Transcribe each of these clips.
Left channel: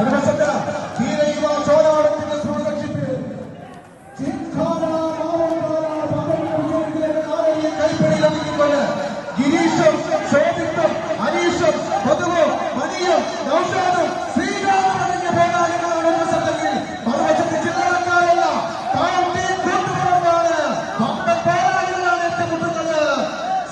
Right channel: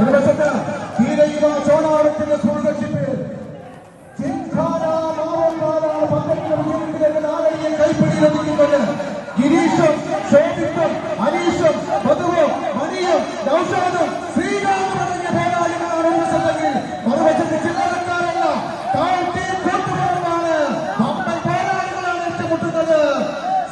ഒരു വശത്ത് ധീരയുവ ചോളാടത്തിന്റെ സ്പോൺസർഷിപ്പിൽ കൈപ്പിടി ലഭിക്കുന്നുണ്ട്. ഗിരീഷും ശോഭിത്തും അനീഷും മധുവും മണിയും നൗഷാദും ശ്രീരാമും തുടങ്ങിയ പോരാളികളാണ് ഒരു വശത്തെങ്കിൽ മറുവശത്ത് ചില്ലറക്കാരല്ല കൂട്ടുകുടുംബമാണ്. പമ്പൻ പോരാളികളാണ് ഏറ്റുമുട്ടുന്നത്.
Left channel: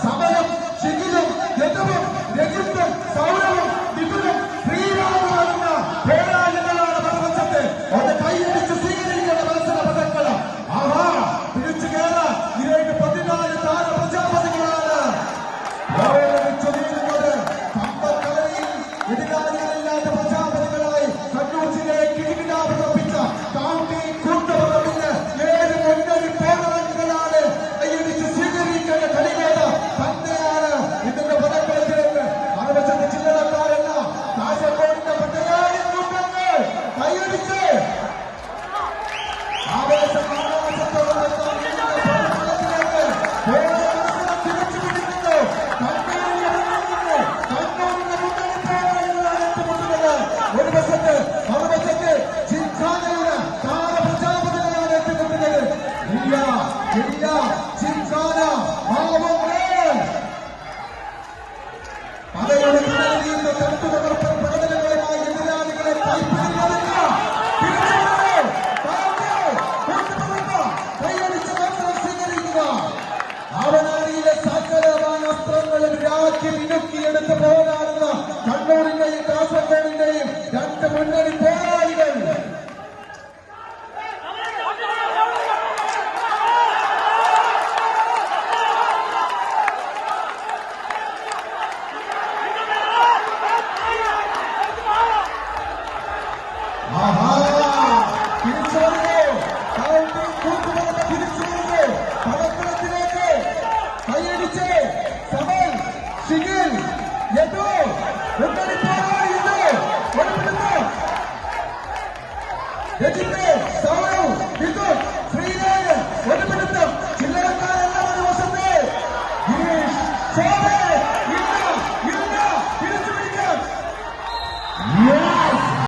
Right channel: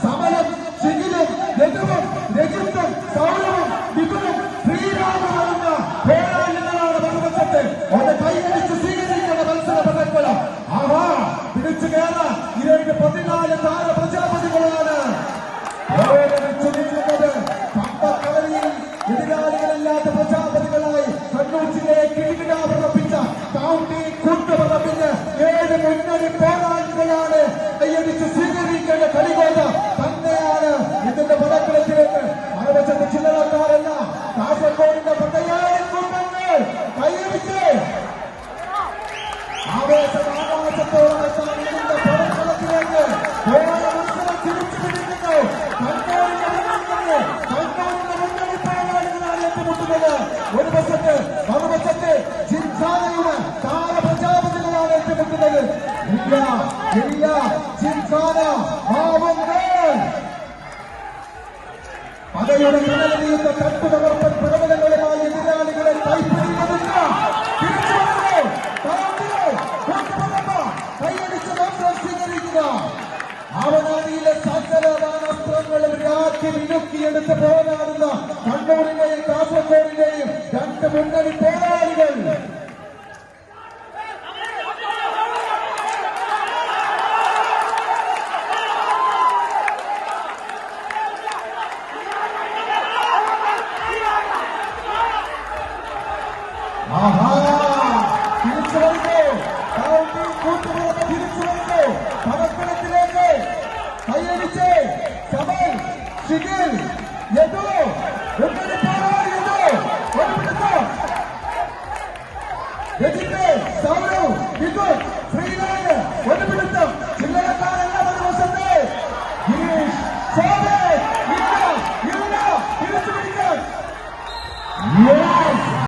സമയം ചികിലും രഘുവും രഘുത്തും സൗരവും വിപുലും ശ്രീരാമും വരുന്ന പോരാളികളാണ് മറുവശത്ത്. ഒന്ന് കൈയടിച്ച് സ്വീകരിക്കേണ്ട മത്സര പദക്കളം. ആഹാ, പിടിച്ചു കയറാൻ ഇവരുടെ 14 താര പ്രജാപതികളാണ് ഓരോരുമിച്ചൊരുങ്ങുന്നത്. പമ്പക്കരയിൽ എതിരാളികളില്ലാത്ത പ്രജാപതികളായി കണ്ണൂർ ജില്ലയെ കിരീടാഭിറപ്പിച്ച കൗണ്ടി കൂട്ടുപറമ്പിന് 7 മുന്നണി പോരാളികളാണ് കൈയടിച്ച് സ്വീകരിക്കേണ്ട കളികോട്ട തന്നെയാണ് ഇതിന്റെ പദക്കളത്തിലേക്ക്. മറുവശത്ത് ചില്ലറക്കാരല്ല കാസർഗോഡിന്റെ 10,000 കുടുംബങ്ങൾ കൈയടിച്ച് ആവേശത്തോടെ ഒരു വശത്ത് മറുവശത്ത് ജിംഖാനയുടെ താരപ്രജാപതികളാണ് ഏറ്റുമുട്ടുന്നത്. ജിംഖാന പതയുടെ കടലിന്റെ തട്ടുതകർപ്പൻ പ്രകടനങ്ങളുമായി എതിരാളികളെ കൈപ്പിടി ലഭിക്കുക. അവനാണിയിലെ സകലമായ അസ്ത്രങ്ങളും രാജ്യം മിനുക്കിയെടുത്ത് പോരാടുന്ന കണ്ണൂരിന്റെയും കാസർഗോഡിന്റെയും 2 മുന്നണി